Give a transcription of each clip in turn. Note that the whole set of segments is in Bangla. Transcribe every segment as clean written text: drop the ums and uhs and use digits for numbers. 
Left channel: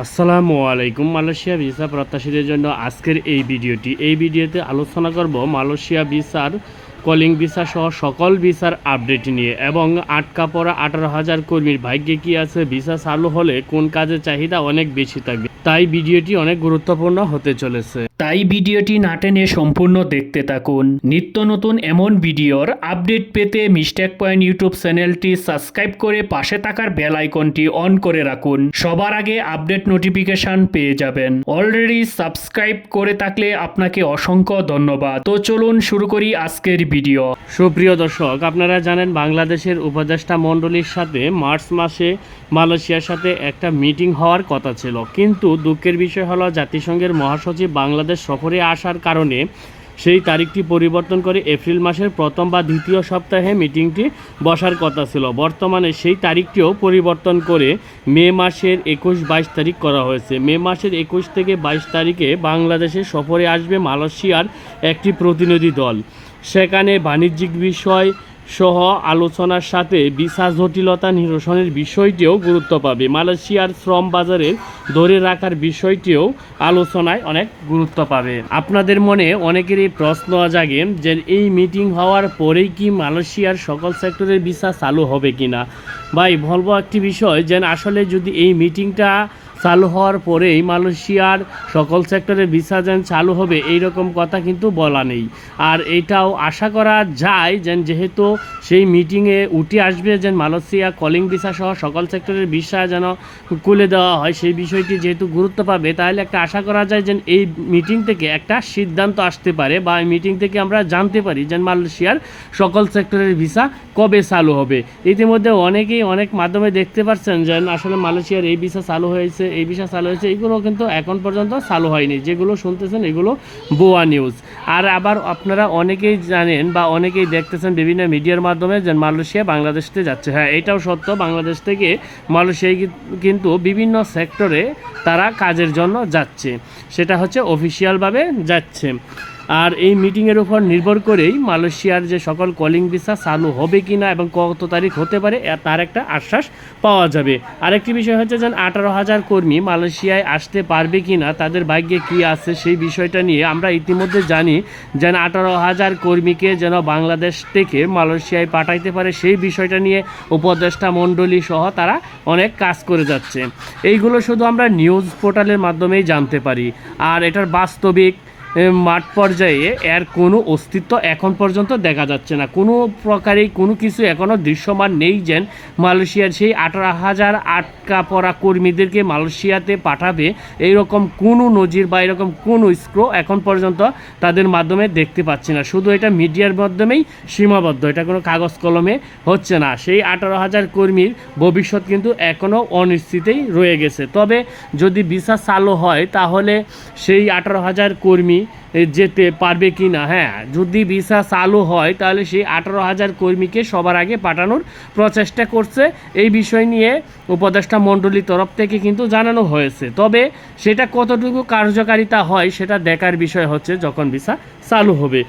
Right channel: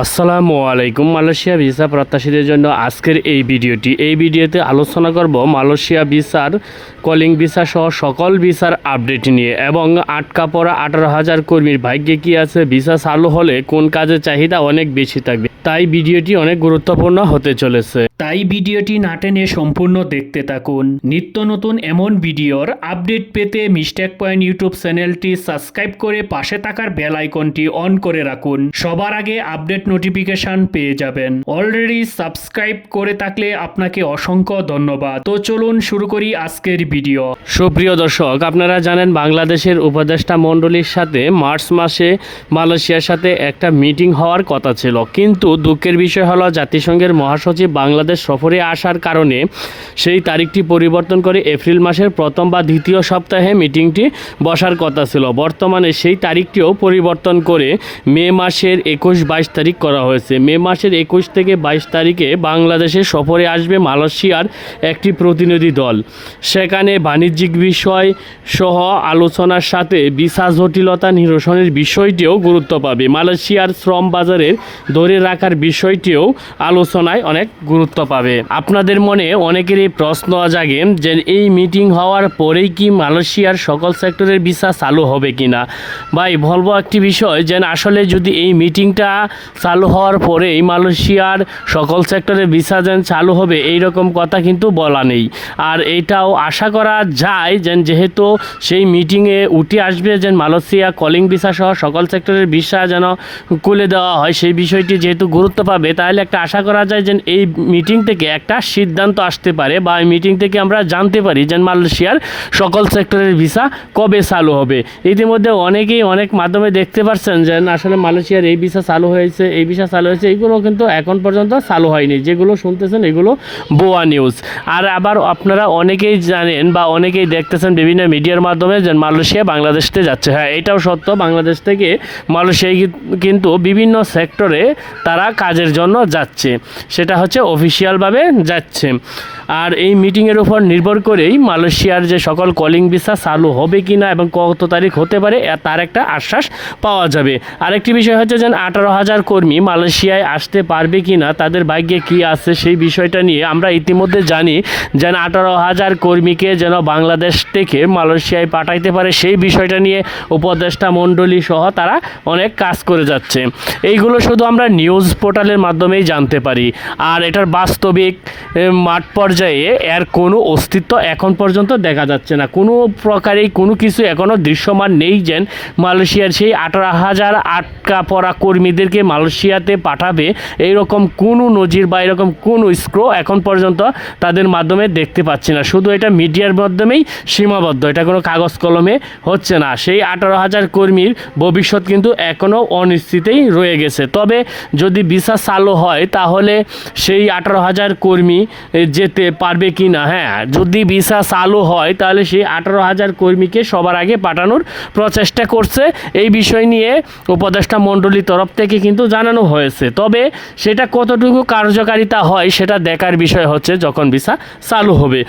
আসসালামু আলাইকুম। মালয়েশিয়া ভিসা প্রত্যাশীদের জন্য আজকের এই ভিডিওতে আলোচনা করব মালয়েশিয়া ভিসার কলিং ভিসা সহ সকল ভিসার আপডেট নিয়ে এবং আটকা পড়া 18,000 কর্মীর ভাগ্যে কী আছে, ভিসা চালু হলে কোন কাজের চাহিদা অনেক বেশি থাকবে। তাই ভিডিওটি অনেক গুরুত্বপূর্ণ হতে চলেছে, তাই ভিডিওটি না টেনে সম্পূর্ণ দেখতে থাকুন। নিত্য নতুন এমন ভিডিওর আপডেট পেতে মিস্টেক পয়েন্ট ইউটিউব চ্যানেলটি সাবস্ক্রাইব করে পাশে থাকার বেল আইকনটি অন করে রাখুন। সবার আগে আপডেট নোটিফিকেশন পেয়ে যাবেন। অলরেডি সাবস্ক্রাইব করে থাকলে আপনাকে অসংখ্য ধন্যবাদ। তো চলুন শুরু করি আজকের ভিডিও। সুপ্রিয় দর্শক, আপনারা জানেন বাংলাদেশের উপদেষ্টা মণ্ডলীর সাথে মার্চ মাসে মালয়েশিয়ার সাথে একটা মিটিং হওয়ার কথা ছিল, কিন্তু দুঃখের বিষয় হলো জাতিসংঘের মহাসচিব বাংলাদেশ সফরে আসার কারণে সেই তারিখটি পরিবর্তন করে এপ্রিল মাসের প্রথম বা দ্বিতীয় সপ্তাহে মিটিংটি বসার কথা ছিল। বর্তমানে সেই তারিখটিও পরিবর্তন করে মে মাসের 21-22 তারিখ করা হয়েছে। মে মাসের 21 থেকে 22 তারিখে বাংলাদেশে সফরে আসবে মালয়েশিয়ার একটি প্রতিনিধি দল। সেখানে বাণিজ্যিক বিষয় সহ আলোচনার সাথে ভিসা জটিলতা নিরসনের বিষয়টিও গুরুত্ব পাবে। মালয়েশিয়ার শ্রম বাজারের ধরে রাখার বিষয়টিও আলোচনায় অনেক গুরুত্ব পাবে। আপনাদের মনে অনেকেরই প্রশ্ন জাগে যে এই মিটিং হওয়ার পরেই কি মালয়েশিয়ার সকল সেক্টরের ভিসা চালু হবে কিনা। ভাই বলবো একটি বিষয়, যে আসলে যদি এই মিটিংটা চালু হওয়ার পরেই মালয়েশিয়ার সকল সেক্টরের ভিসা যেন চালু হবে এই রকম কথা কিন্তু বলা নেই। আর এইটাও আশা করা যায় যেহেতু সেই মিটিংয়ে উঠে আসবে যে মালয়েশিয়া কলিং ভিসা সহ সকল সেক্টরের ভিসা যেন খুলে দেওয়া হয়, সেই বিষয়টি যেহেতু গুরুত্ব পাবে, তাহলে একটা আশা করা যায় যে এই মিটিং থেকে একটা সিদ্ধান্ত আসতে পারে বা এই মিটিং থেকে আমরা জানতে পারি যে মালয়েশিয়ার সকল সেক্টরের ভিসা কবে চালু হবে। ইতিমধ্যে অনেকেই অনেক মাধ্যমে দেখতে পাচ্ছেন যে আসলে মালয়েশিয়ার এই ভিসা চালু হয়েছে, এই ভিসা চালু হয়েছে, এইগুলো কিন্তু এখন পর্যন্ত চালু হয়নি। যেগুলো শুনতেছেন এগুলো ভুয়া নিউজ। আর আবার আপনারা অনেকেই জানেন বা অনেকেই দেখতেছেন বিভিন্ন মিডিয়ার মাধ্যমে যে মালয়েশিয়া বাংলাদেশতে যাচ্ছে। হ্যাঁ, এটাও সত্য, বাংলাদেশ থেকে মালয়েশিয়ায় কিন্তু বিভিন্ন সেক্টরে তারা কাজের জন্য যাচ্ছে, সেটা হচ্ছে অফিসিয়ালভাবে যাচ্ছে। আর এই মিটিংয়ের উপর নির্ভর করেই মালয়েশিয়ার যে সকল কলিং ভিসা চালু হবে কি না এবং কত তারিখ হতে পারে তার একটা আশ্বাস পাওয়া যাবে। আরেকটি বিষয় হচ্ছে যে 18,000 কর্মী মালয়েশিয়ায় আসতে পারবে কি না, তাদের ভাগ্যে কী আছে সেই বিষয়টা নিয়ে আমরা ইতিমধ্যে জানি যে 18,000 কর্মীকে যেন বাংলাদেশ থেকে মালয়েশিয়ায় পাঠাইতে পারে, সেই বিষয়টা নিয়ে উপদেষ্টা মণ্ডলী সহ তারা অনেক কাজ করে যাচ্ছে। এইগুলো শুধু আমরা নিউজ পোর্টালের মাধ্যমেই জানতে পারি, আর এটার বাস্তবিক মাঠ পর্যায়ে এর কোনো অস্তিত্ব এখন পর্যন্ত দেখা যাচ্ছে না। কোনো প্রকারেই কোনো কিছু এখনও দৃশ্যমান নেই যে মালয়েশিয়ার সেই 18,000 আটকা পড়া কর্মীদেরকে মালয়েশিয়াতে পাঠাবে, এইরকম কোনো নজির বা এরকম কোনো স্ক্রো এখন পর্যন্ত তাদের মাধ্যমে দেখতে পাচ্ছি না। শুধু এটা মিডিয়ার মাধ্যমেই সীমাবদ্ধ, এটা কোনো কাগজ কলমে হচ্ছে না। সেই 18,000 কর্মীর ভবিষ্যৎ কিন্তু এখনও অনিশ্চিতই রয়ে গেছে। তবে যদি ভিসা চালু হয় তাহলে সেই 18,000 কর্মী যেতে পারবে কি না। হ্যাঁ, যদি ভিসা চালু হয় তাহলে সেই 18,000 কর্মীকে সবার আগে পাঠানোর প্রচেষ্টা করছে। এই বিষয় নিয়ে উপদেষ্টা মণ্ডলীর তরফ থেকে কিন্তু জানানো হয়েছে। তবে সেটা কতটুকু কার্যকারিতা হয় সেটা দেখার বিষয় হচ্ছে যখন ভিসা চালু হবে।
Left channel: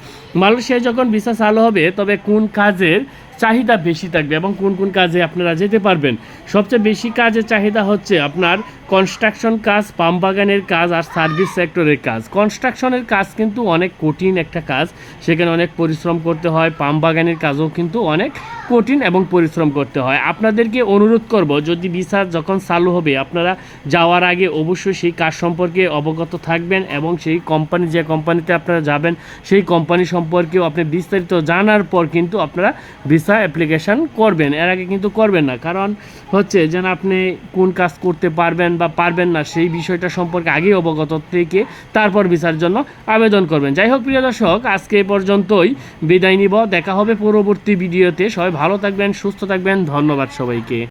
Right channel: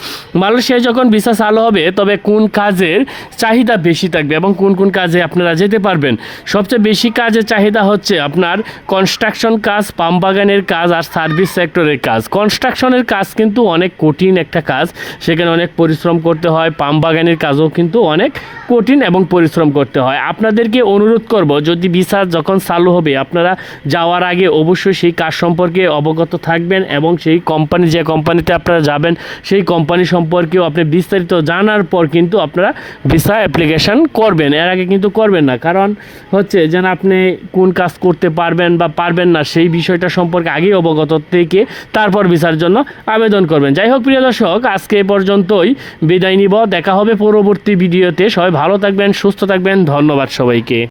মালয়েশিয়ায় যখন ভিসা চালু হবে তবে কোন কাজের চাহিদা বেশি থাকবে এবং কোন কোন কাজে আপনারা যেতে পারবেন। সবচেয়ে বেশি কাজের চাহিদা হচ্ছে আপনার কনস্ট্রাকশন কাজ, পাম বাগানের কাজ আর সার্ভিস সেক্টরের কাজ। কনস্ট্রাকশনের কাজ কিন্তু অনেক কঠিন একটা কাজ, সেখানে অনেক পরিশ্রম করতে হয়। পাম বাগানের কাজও কিন্তু অনেক কঠিন এবং পরিশ্রম করতে হয়। আপনাদেরকে অনুরোধ করব, যদি ভিসা যখন চালু হবে আপনারা যাওয়ার আগে অবশ্যই সেই কাজ সম্পর্কে অবগত থাকবেন এবং সেই কোম্পানি, যে কোম্পানিতে আপনারা যাবেন সেই কোম্পানি সম্পর্কেও আপনি বিস্তারিত জানার পর কিন্তু আপনারা ভিসা অ্যাপ্লিকেশান করবেন। এর আগে কিন্তু করবেন না, কারণ হচ্ছে যেন আপনি কোন কাজ করতে পারবেন বা পারবেন না সেই বিষয়টা সম্পর্কে আগেই অবগত থেকে তারপর ভিসার জন্য আবেদন করবেন। যাই হোক প্রিয় দর্শক, আজকে এ পর্যন্তই বিদায় নিব। দেখা হবে পরবর্তী ভিডিওতে। সবাই ভালো থাকবেন, সুস্থ থাকবেন। ধন্যবাদ সবাইকে।